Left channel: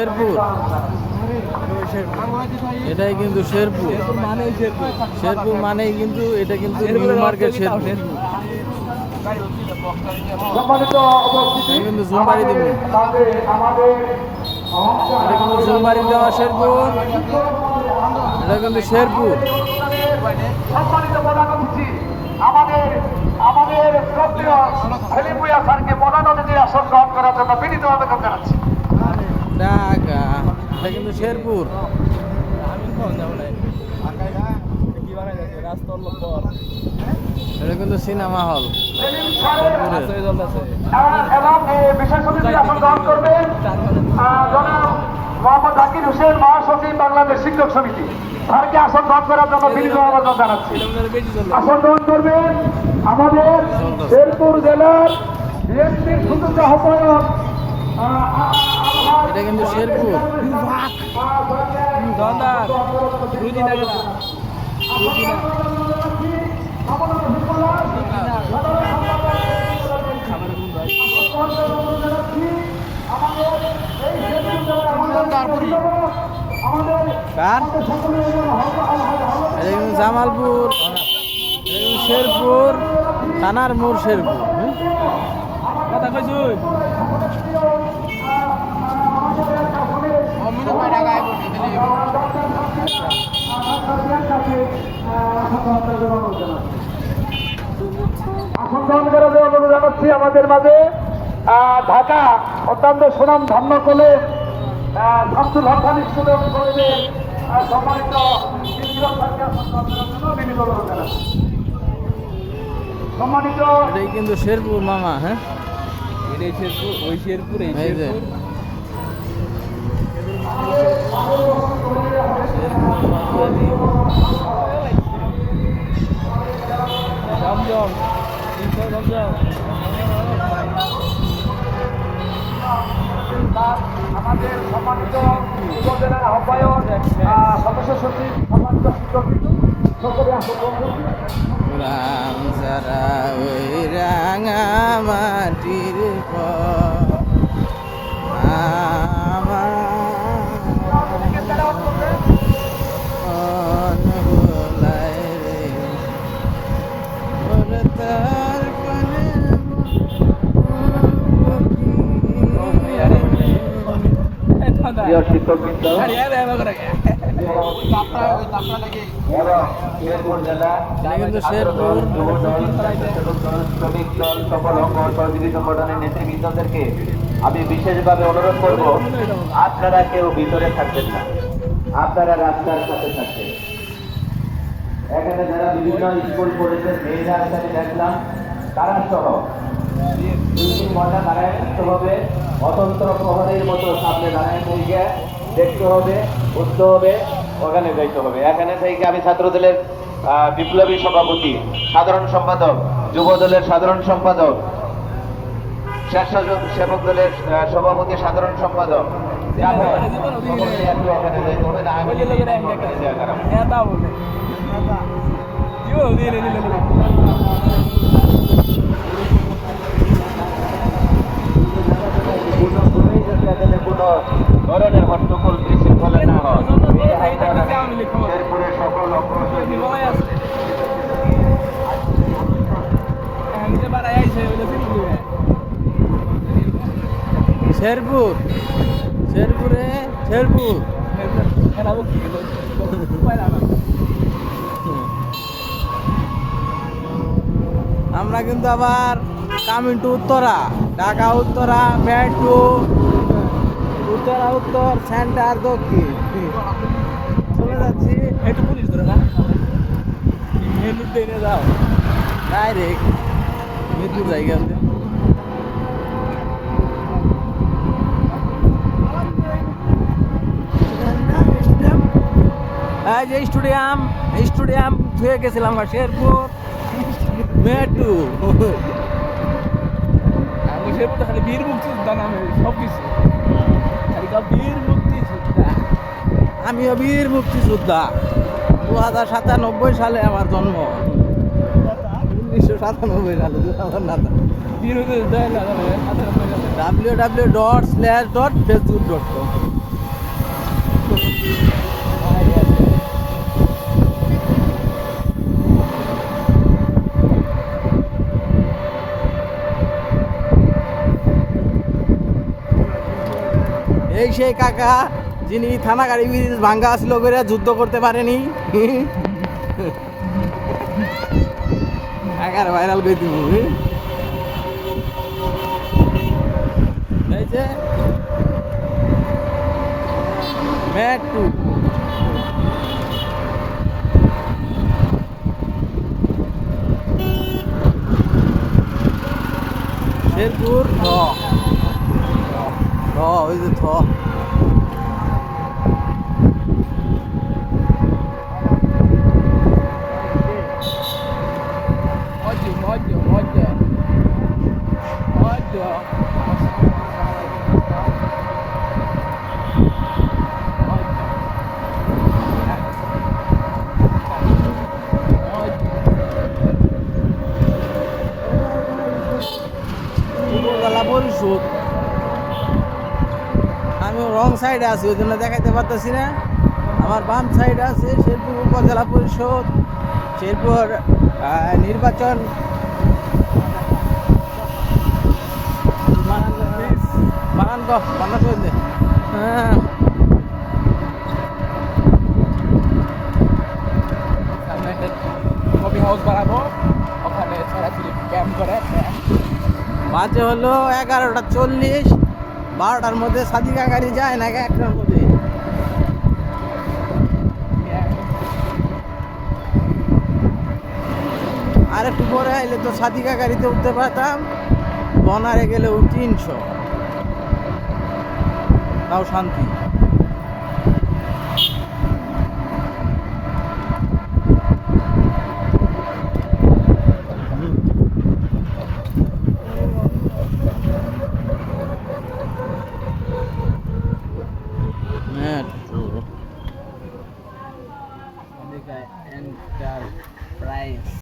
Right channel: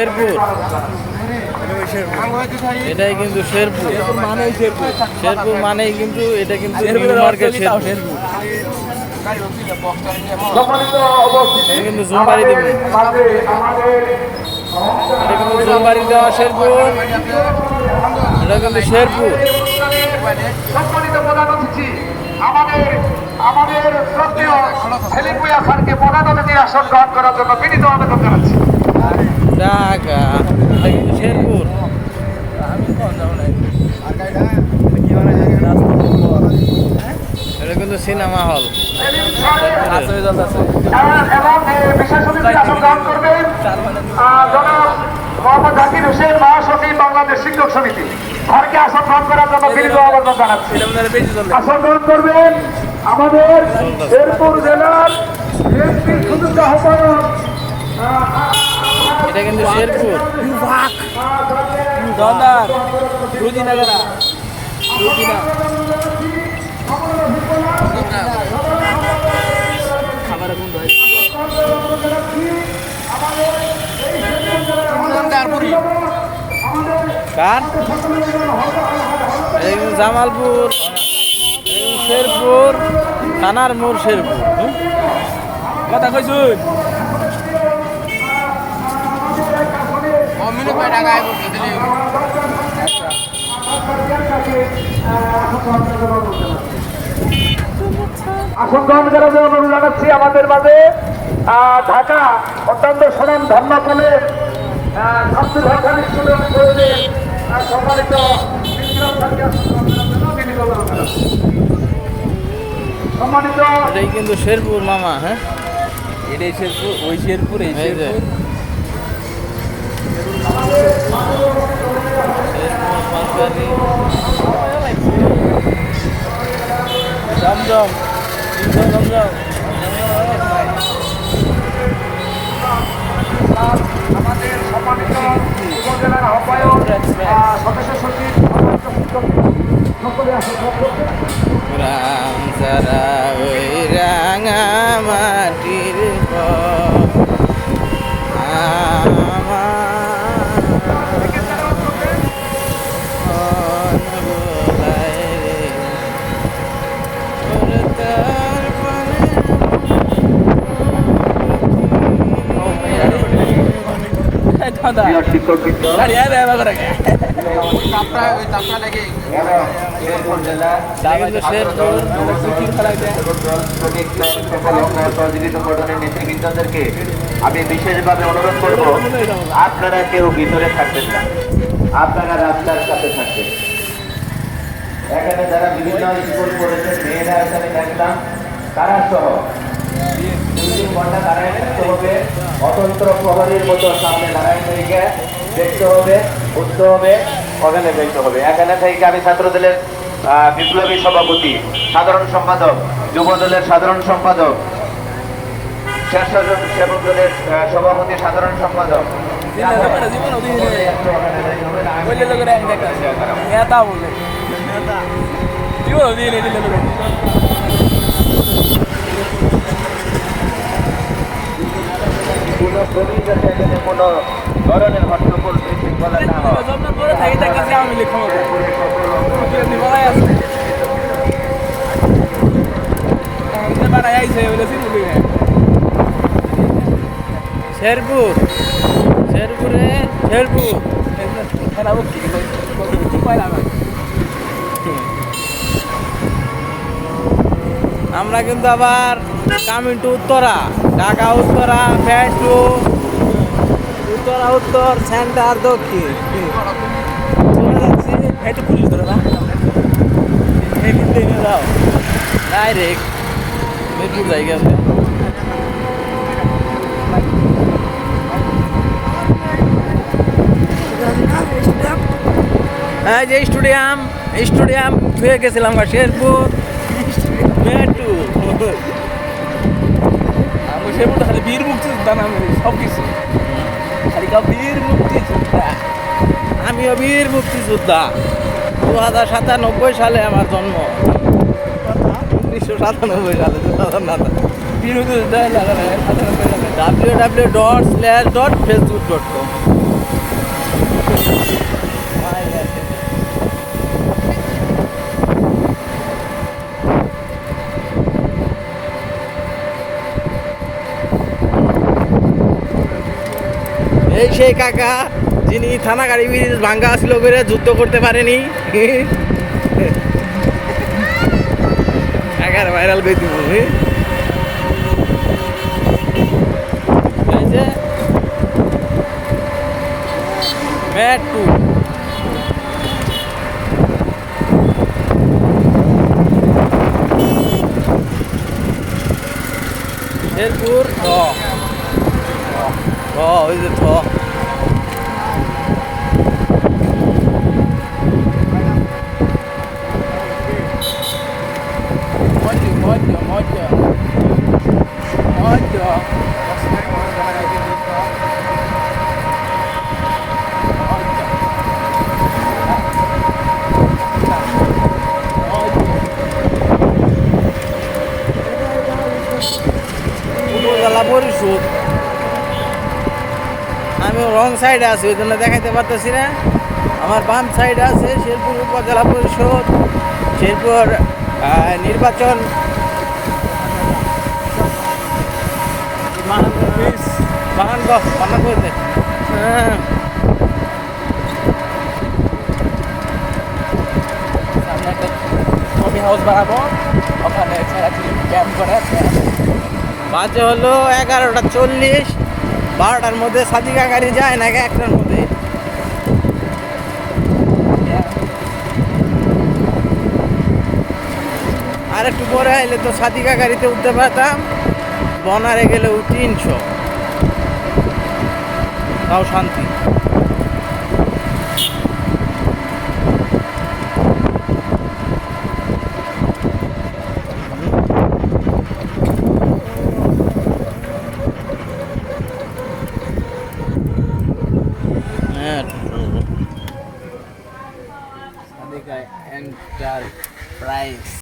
শেরপুর, এটাই কিন্তু শেরপুর। শেরপুর মানেই কিন্তু এটা কিন্তু নিউ মার্কেট শেরপুর। এটা কিন্তু জুমবাড়ি দেবে, এটা কিন্তু জুমবাড়ি দেওয়া শেরপুর, এটা কিন্তু শেরপুর। সম্মানিত প্রধান অতিথি আমাদের শ্রদ্ধেয় সেলিম ভূঁইয়া স্যারকে প্রধান অতিথির আসন গ্রহণ করার জন্য বিনীত আবেদন জানাচ্ছি। ঢাকা, এটা কিন্তু শেরপুর। এটা কিন্তু সিনেমা হল। এবং বিশেষ অতিথির আসন গ্রহণ করবেন জনাব মোহাম্মদ জাকির হোসেন, মহাসচিব বাংলাদেশ শিক্ষক সমিতি। স্যারকে আসন গ্রহণ করার জন্য বিনীত আবেদন জানাচ্ছি। আসন গ্রহণ করবেন আমাদের শেরপুর জেলার সুযোগ্য আহ্বায়ক। এটা কিন্তু শেরপুর। কার এটা কিন্তু জামালপুর, শেরপুর থানার মোড় শেরপুর। কথা কইছুন আসন গ্রহণ করার জন্য অনুরোধ জানাচ্ছি আমাদের মাঝে ঢাকা অত্যন্ত সুনাম ধন্য কলে ছাত্র ভাষা স্কুলের সম্মানিত সম্মানিত। এটাই কিন্তু শেরপুর মামা। হ্যাঁ, এটাই শেরপুর, ওই শেরপুর, এই শেরপুর। জমজম, জমজম। আমাদের সম্মানিত উপজেলার আহ্বায়ক সদস্য সচিব সকলে রাম যারা ওই রাঙা মাটির নেতৃবৃন্দদেরকে আমি বিশেষভাবে অনুরোধ করব, আপনারা কেউ ভিতরে থাকবেন না, আপনারা রাস্তার কাছে থাকবেন। এখানে যারা বিভিন্ন স্কুল করেছেন মেয়েরা এখানে দেখলাম, তারা সহ দাঁড়ায় থাকতে হবে, অতন্ত্র প্রহরীর মতো সামনে দাঁড়ায় থেকে দেখতে হবে, উঠতে হবে, ওখানে যাইতে হবে। এখানে থেকে আমি ছাত্র দলের বিপ্লবী সভাপতি, সাধারণ সম্পাদক, যুব দলের সাধারণ সম্পাদক, স্বেচ্ছাসেবক দলের সভাপতি, সাধারণ সম্পাদক কোনো ধরনের হট্টগোল বিশৃঙ্খলা না হয়। শেরপুর, শেরপুরে শেরপুর। আমরা কিন্তু আবার coming to Uttara, Dhaka Uttara, metro Uttara, উত্তর সেন্টার, দক্ষিণ চলে যাচ্ছি। একটু পুলিশ ধরে না, একটু ট্রেনে যাও ডাইরেক্ট মিরপুর জায়গা আছে। হ্যাঁ, যে স্টেডিয়াম স্টেডিয়াম ধুয়ে গেছিলাম শেরপুর মেট্রো। শেরপুর খালি বীর মুক্তিযোদ্ধা নামে সব কিছু, খালি বীর মুক্তিযোদ্ধা। আমিও বীর মুক্তিযোদ্ধা। 2097 সালে আমার জন্ম, 1997 সালে, 2000 বীর মুক্তিযোদ্ধা www.facebook.com। এই সেই কাকা যিনি থানা গাড়ি ব্রিজ ভাঙ্গা ছিল করে যুদ্ধ করতে পারেনি। কাকার ভাইরাল করে দিব। এই যে মেট্রো শেরপুর ওই যে মজা উপজেলা পরিষদ। আমি রং সাইডে আছি, ওই জন্য দেখাইতে পারতেছি না। আমার বাম সাইডে আছে শেরপুর উপজেলা পরিষদ, শেরপুর নির্বাচন বানান করে। হ্যাঁ, সামনে একটা কফি হাউস বানাবো, ওখানে ছেড়াছড়ি ক্যাম্প করে। বাজে হলো 11:40। 12টার মধ্যে সাদিকা গাড়ি যায় নাকি 1টার মধ্যে? আর একটু পরে আইলে তো সাদিকা গাড়িতে উঠতে পারতাম। বনারে গেলেও 300, তাও শান্তি। Sabikai Enterprise.